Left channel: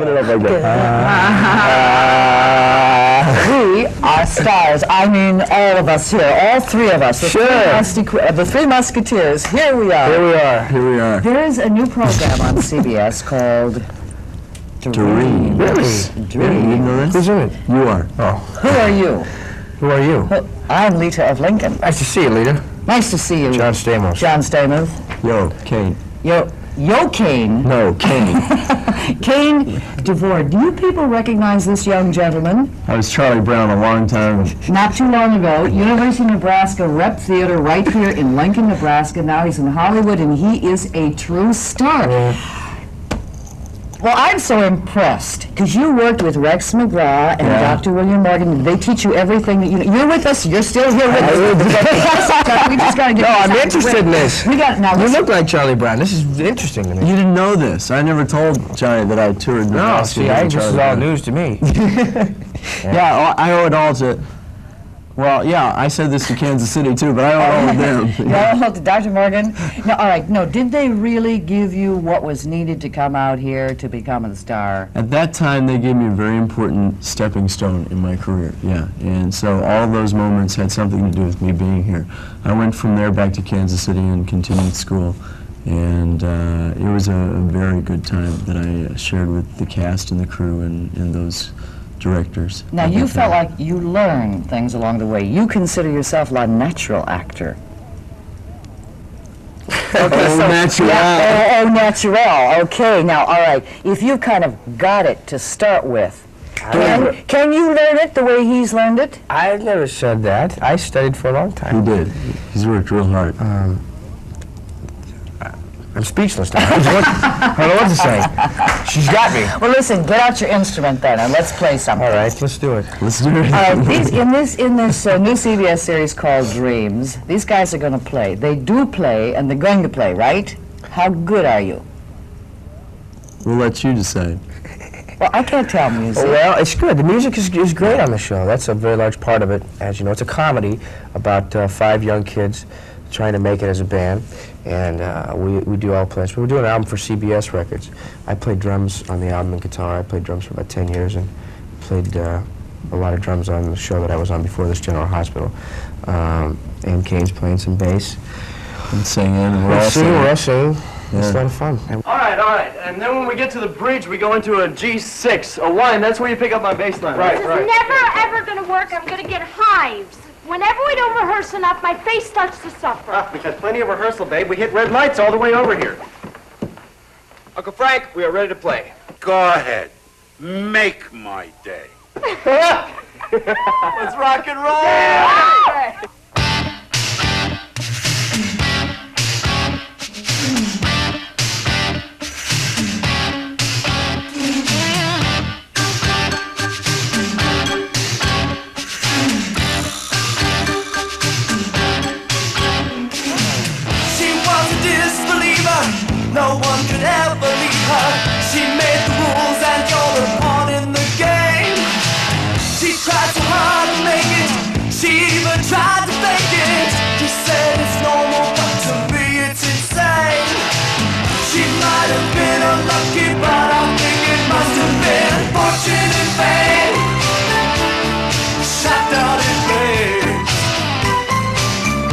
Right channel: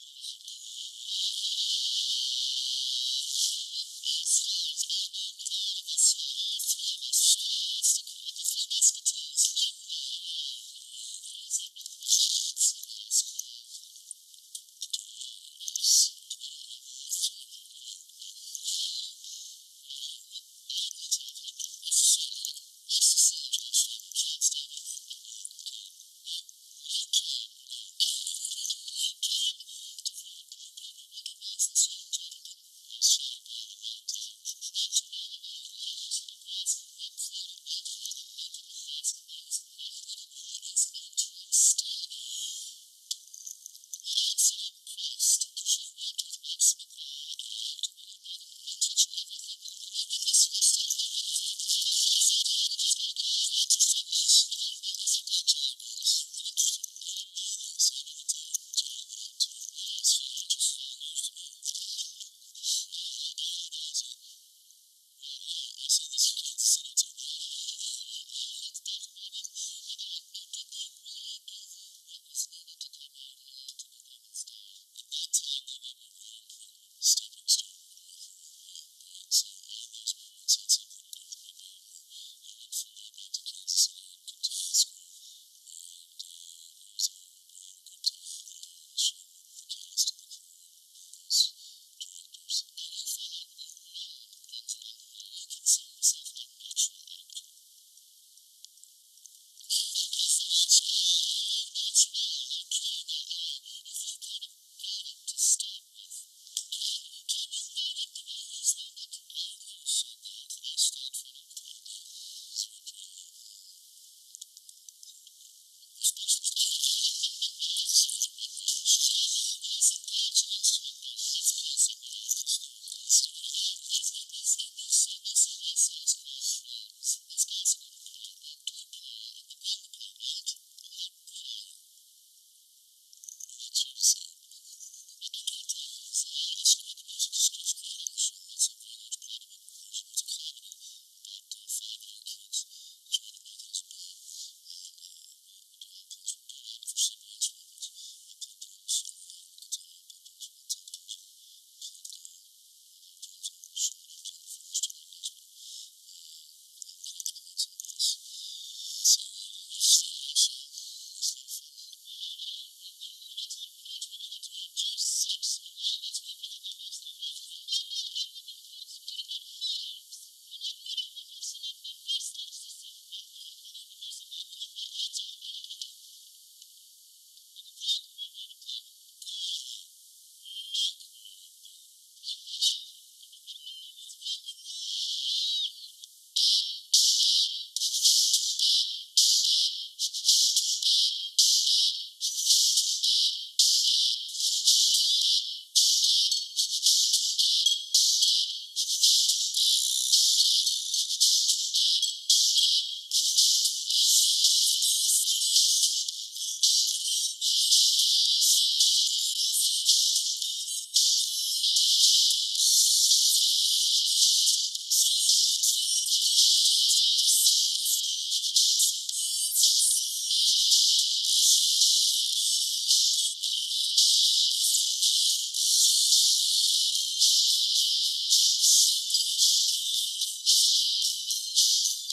Open it up like that. We are stars. I mean, all of us here, all three of us. The Three Musketeers. Here we are. Here we are. Here we are. There is a new program on CBS called Dream. Really? Dream. You didn't know this? Who's in it? You are. Oh. Who are you? Who are you? I'm Leta of Lincoln. Nice to see you, Leta. Nice to see you. John Stamos. John Stamos. Yo, Cain. Yo, Cain. No, Cain. Cain Devore. Do you people recognize this young gentleman? I was Charlie Brown a long time. Not too long ago, University of Nebraska Rep Theater right here in Lincoln, Nebraska. Now he's in Hollywood, and he is a true star. Yeah. Well, I'm so impressed, because you worked with Rex McGraw and Dr. William Morgan. They teach you everything that you know. You're with us. You're still here with us. We just got to get. No, I'm interested in this. We got now. You look like Charlie Brown. This is interesting to me. You didn't know this. I never told Johnny that I toured Nebraska. No, see, this is all news to me. Yeah, I owe it all to... Well, yeah, I said this to Kansas City too, but I owe it all to them. No, to Dr. Morgan. No, all right. No, did they really give you what was needed to come out here to become a star? At that time, they gave me a very important stepping stone in my career, yeah. And so all those moments had something to do with me being here. I went from there back to Kansas City and continued school. And it was a very good time that I shared with the cast and the crew and those directors. Now, you felt like you learned things along the way. You consider yourself a natural actor. Okay, Oh, natural. Yeah, oh, natural. Okay, now, all right. If you kind of got it to start with, can you learn it the way he's learned it? I never said that. I studied for a long time. He did. He's worked real hard. I'm speechless now. I don't know what to say. She's got me. Well, listen, get out your instrument then, and let's play something. All right, let's do it. Let's do it. All right, in this new CBS series called Dreams, these guys are going to play. They do play, and they're going to play, right? How good are you? We'll let you decide. Well, I can't tell music. Well, it's good. The music is great on the show. That's a very large part of it. As you know, it's a comedy about 5 young kids trying to make it as a band. And we do all play. So we're doing an album for CBS Records. I played drums on the album and guitar. I played drums for about 10 years and played a lot of drums on the show that I was on before this, General Hospital. And Cain's playing some bass. And singing, and We're all singing. Yeah. It's a lot of fun. All right. And then when we get to the bridge, we go into a G6, a 1. That's where you pick up my bass line. This is never, ever going to work. I'm going to get hives. Whenever we don't rehearse enough, my face starts to suffer. We've had plenty of rehearsal, babe. We hit red lights all the way over here. Uncle Frank, we are ready to play. Go ahead. Make my day. Let's rock and roll! No one could ever leave her. She made the rules and you're the pawn in the game. She tried so hard to make it. She even tried to fake it. She said it's normal, but to me it's insane. She might have been unlucky, but I think it must have been fortune and fame. Shot down in flames.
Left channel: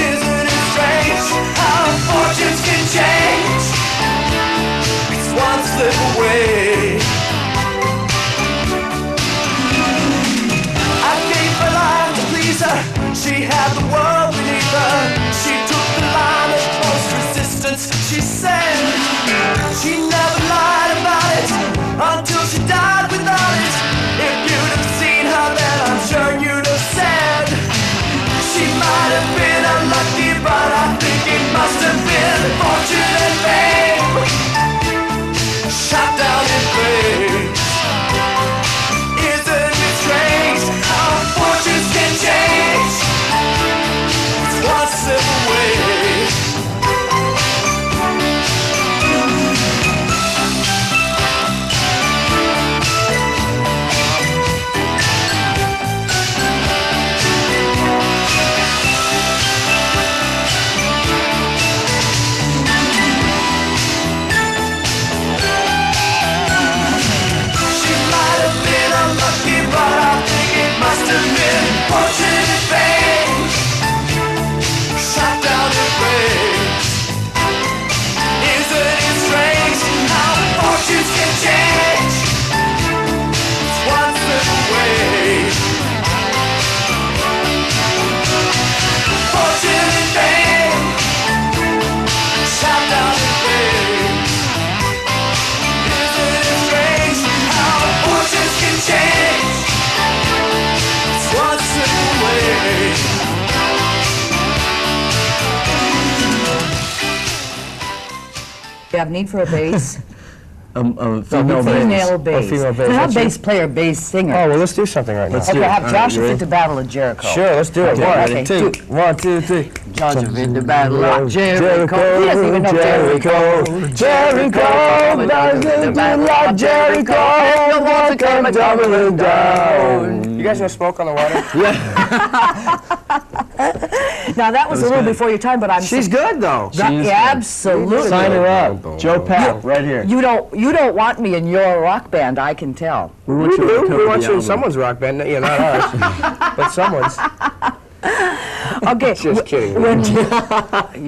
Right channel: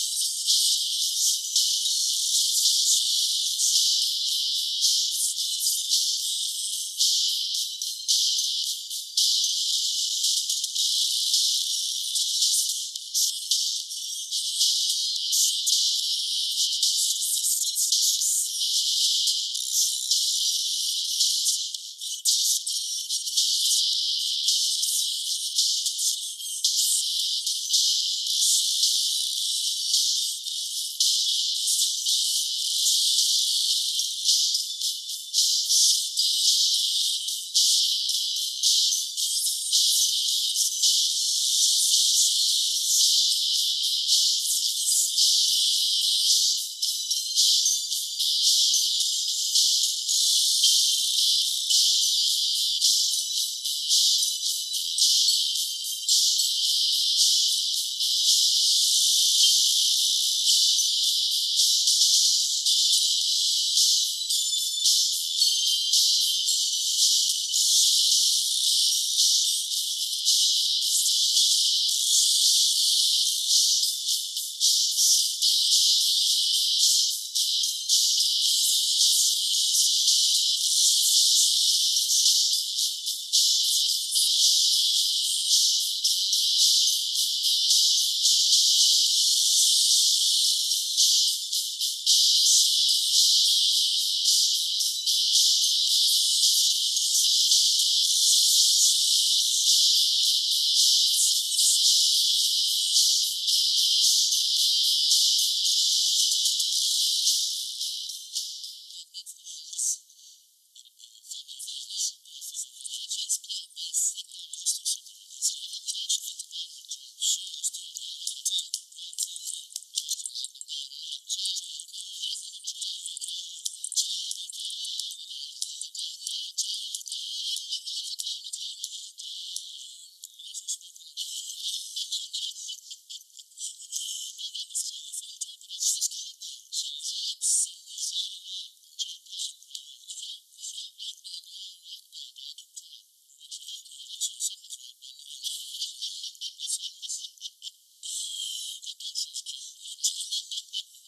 Isn't it strange how fortunes can change? One slip away. I gave her life to please her. She had the world beneath her. She took the line of most resistance. She said she never lied about it until she died without it. If you'd have seen her then I'm sure you'd have said she might have been unlucky, but I think it must have been fortune and fame. Shot down in flames. Isn't it strange how fortunes can change? It's one step away. have need for a bass? Female bass. Female bass. female bass. Not That's bass player, bass singer. Oh, well, let's do something right now. Let's Okay, do it. have All Joshua right, you fit the Battle of Jericho. Sure, let's do it. Okay, One, okay. two. 1, 2, 3. Joshua fit the Battle of Jericho. He doesn't even know Jericho. Jericho, like Jericho, walls come tumbling down. You guys want to smoke on the water? Now, that was a little before your time, but I'm... She's good, though. Yeah, absolutely. Sign her up. Joe Powell, right here. You don't want me in your rock band, I can tell. We want you to cover We want the you in album. someone's rock band. Yeah, not ours, but someone's. Okay. Just kidding.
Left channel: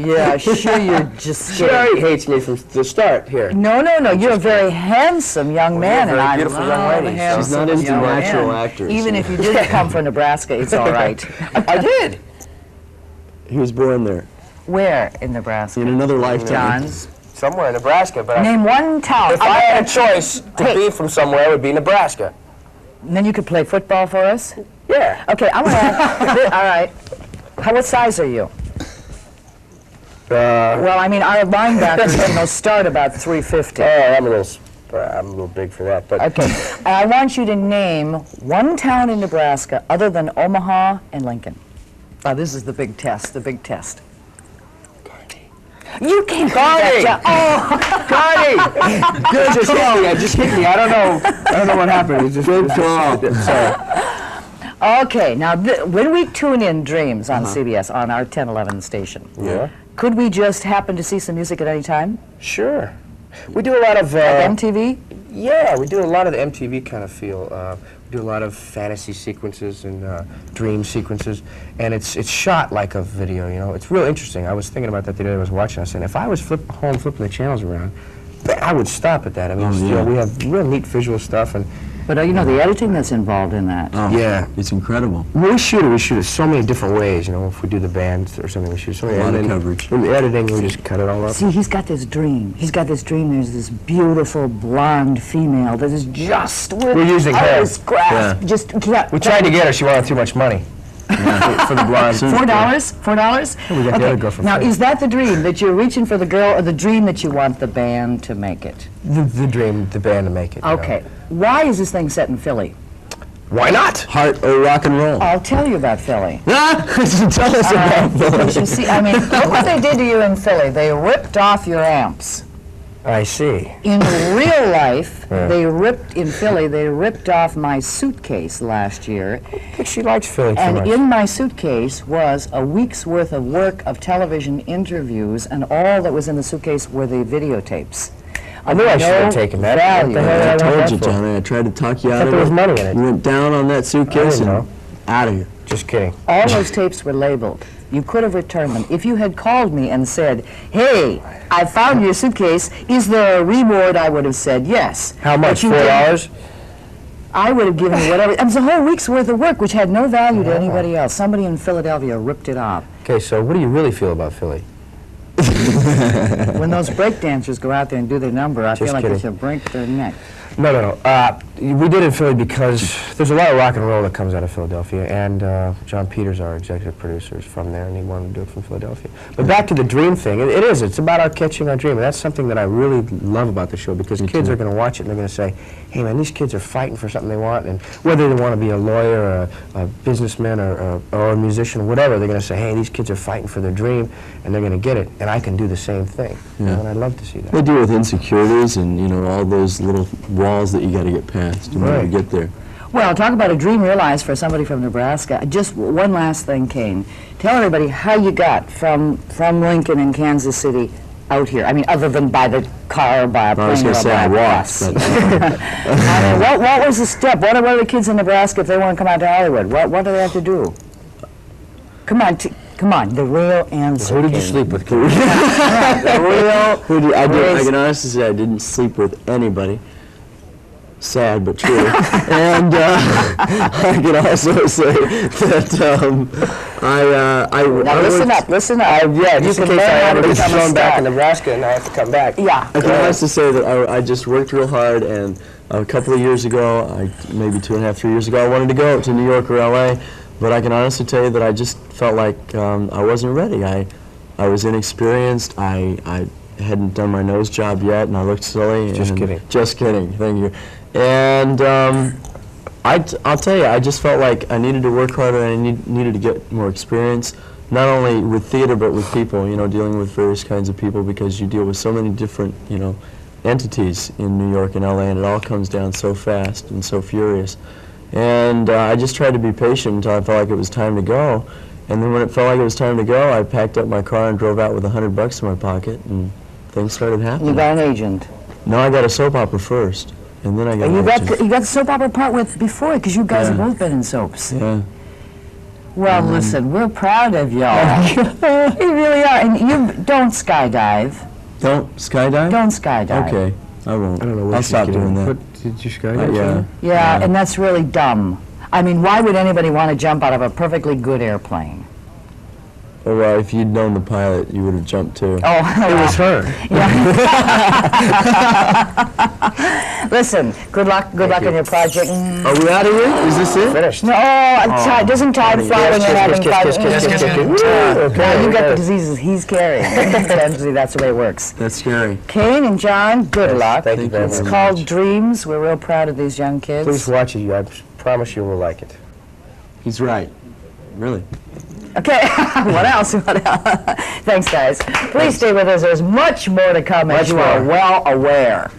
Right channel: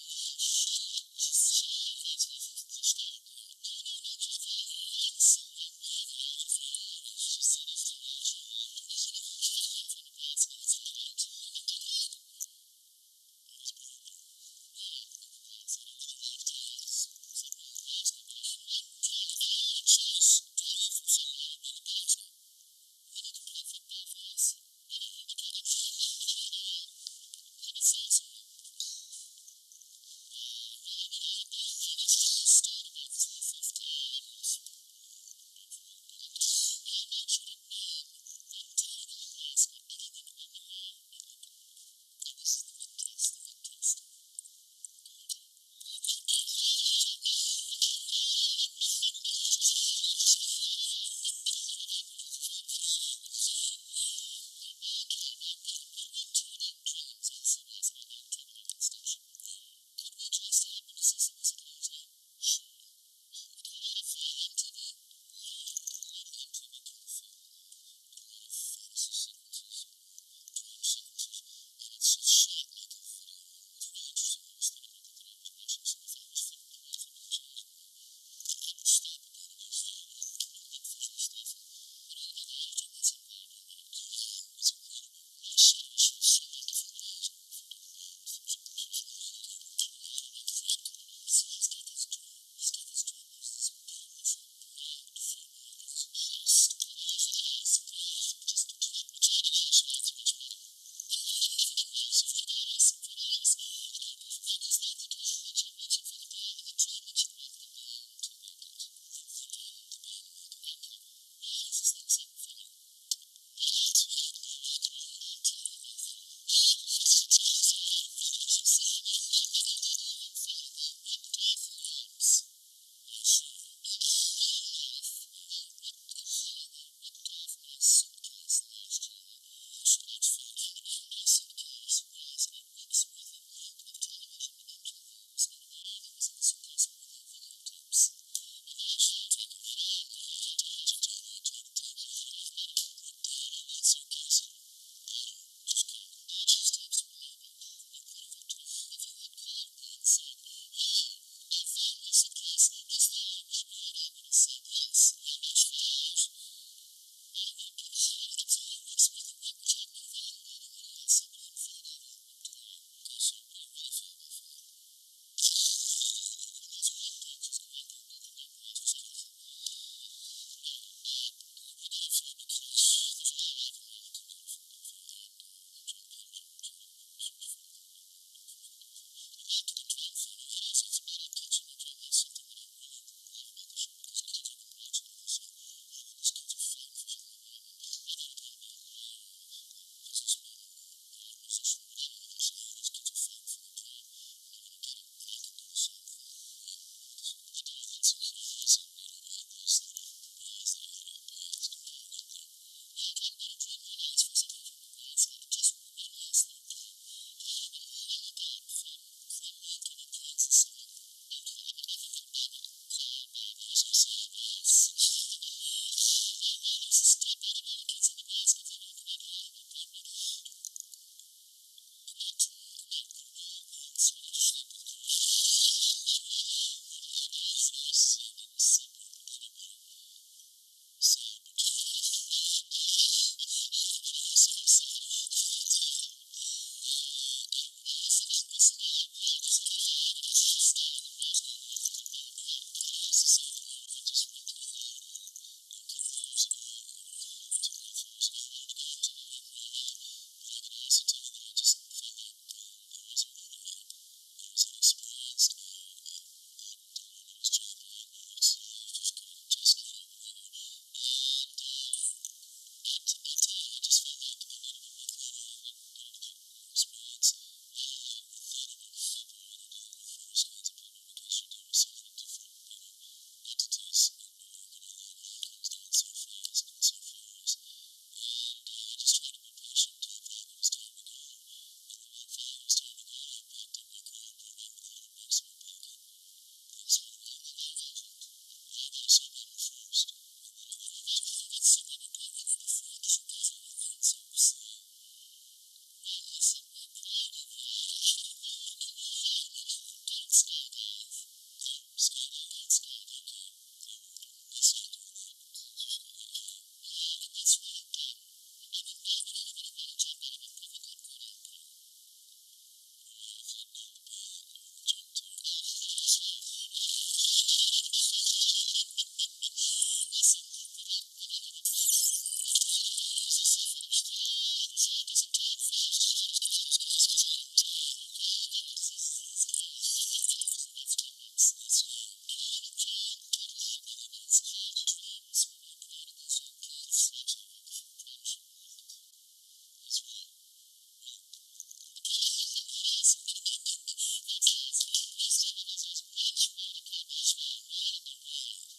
Yeah, sure, you're just She kidding. already hates me from the start here. No, you're a very handsome young man, you're a and very I beautiful young love lady. a handsome She's not into young natural man. actors. Even if you didn't come from Nebraska, it's all right. I did. He was born there Where in Nebraska? in another lifetime. John's. Somewhere in Nebraska, but Name one town. if I had a choice to Hey. be from somewhere, it would be Nebraska. Then you could play football for us? Yeah. Okay, I'm gonna ask, all right. What size are you? Well, I mean, our linebackers, start about 350. I'm a little big for that, but Okay, and I want you to name one town in Nebraska other than Omaha and Lincoln. Now, this is the big test, You can't Carney! do that, Oh, Carney! Good, just hit me. I don't know what happened. It's just good call. Sorry. okay, now, when we tune in Dreams on CBS, on our 1011 station, Yeah. could we just happen to see some music at any time? Sure. We do a lot of MTV? Yeah, we do a lot of the MTV kind of feel. We do a lot of fantasy sequences and dream sequences, and it's shot like a video. You know, it's real interesting. I was thinking about that the other day. I was watching. I said, if I was home flipping the channels around, I would stop at that. I mean, you know, we have real neat visual stuff, and But the editing that's involved in that. yeah, It's incredible. we shoot it so many different ways. You know, if we do the band or something, we shoot so many. A lot and of then coverage. In the editing, we just cut it all up. See, he's got this dream. There's this beautiful blonde female that is just We're using her. his grasp. Yeah. Just can't. We tried to get her. She wanted too much money for the blonde. $4? $4? We got the other girl from Now, Philly. is that the dream, that you're reaching for the girl, or the dream that you want the band to make it? The dream, the band to make it. you know. Okay. Why is this thing set in Philly? Why not? Heart or rock and roll. I'll tell you about Philly. Tell us about You see, I mean, look what they did to you in Philly. They ripped off your amps. I see. In real life, Yeah. they ripped off my suitcase last year. But she likes Philly too And much. in my suitcase was a week's worth of work of television interviews, and all that was in the suitcase were the videotapes. I knew I should have No taken that. value. What the hell did I want told that you, for? Johnny. I tried to talk you out Thought of there was it. money in it. You went down on that suitcase I didn't and out of here. Just kidding. All those tapes were labeled. You could have returned them. If you had called me and said, hey, I found your suitcase, is there a reward? I would have said yes. How much? But you didn't. $4? I would have given you whatever. It was a whole week's worth of work, which had no value to anybody else. Somebody in Philadelphia ripped it off. Okay, so what do you really feel about Philly? When those break dancers go out there and do their number, I feel Just like they kidding. should break their neck. No. We did it in Philly because there's a lot of rock and roll that comes out of Philadelphia, and John Peters, our executive producer, is from there, and he wanted to do it from Philadelphia. But back to the dream thing, it's about our catching our dream, and that's something that I really love about the show, because kids are going to watch it and they're going to say, hey man, these kids are fighting for something they want, and whether they want to be a lawyer or a businessman or a musician or whatever, they're going to say, hey, these kids are fighting for their dream, and they're going to get it, and I can do the same thing. You know, and I'd love to see that. They deal with insecurities and, all those little walls that you got to get past in order to Right. get there. Well, talk about a dream realized for somebody from Nebraska. Just one last thing, Cain. Tell everybody how you got from Lincoln and Kansas City out here. I mean, other than by the car or by a plane I was or going to say by I a walked, bus. but I mean, what was the step? What are the kids in Nebraska if they want to come out to Hollywood? What do they have to do? Come on, the real answer. Who did you Cain. sleep with? The real. I can honestly say I didn't sleep with anybody. Sad but true. And I can also say that Now listen up. Yeah, just in case I ever get become a thrown back star. in Nebraska and I have to come back. Yeah. I can honestly say that I just worked real hard, and a couple of years ago, maybe 2.5, 3 years ago, I wanted to go to New York or LA, but I can honestly tell you that I just felt like I wasn't ready. I was inexperienced. I hadn't done my nose job yet, and I looked silly. Just and- kidding. Just kidding, thank you. And I'll tell you, I just felt like I needed to work harder and I needed to get more experience, not only with theater but with people, you know, dealing with various kinds of people, because you deal with so many different, you know, entities in New York and LA, and it all comes down so fast and so furious. And I just tried to be patient until I felt like it was time to go. And then when it felt like it was time to go, I packed up my car and drove out with $100 in my pocket, and things started happening. You got an agent. No, I got a soap opera first, and then I got You an got agent. you got the soap opera part with before, because you guys have Yeah. both been in soaps. Yeah. Well, listen, we're proud of y'all. You really are. And you don't skydive. Don't skydive? Don't skydive. Okay, I won't. I don't know what I'll she's stop getting doing at. that. What, did you skydive? Yeah. Yeah, and that's really dumb. I mean, why would anybody want to jump out of a perfectly good airplane? Oh, well, if you'd known the pilot, you would have jumped too. Oh, It was her. Listen, good luck on your project. Are we out of here? Is this it? Finished. No, doesn't Todd fly when you're having fun? Now you got the diseases he's carrying. Essentially, that's the way it works. That's scary. Cain and John, good luck. Thank you very It's much. called Dreams. We're real proud of these young kids. Please watch it. I promise you will like it. He's right. Really. Okay, what else? Thanks, guys. Please stay with us. There's much more to come, as you are well aware.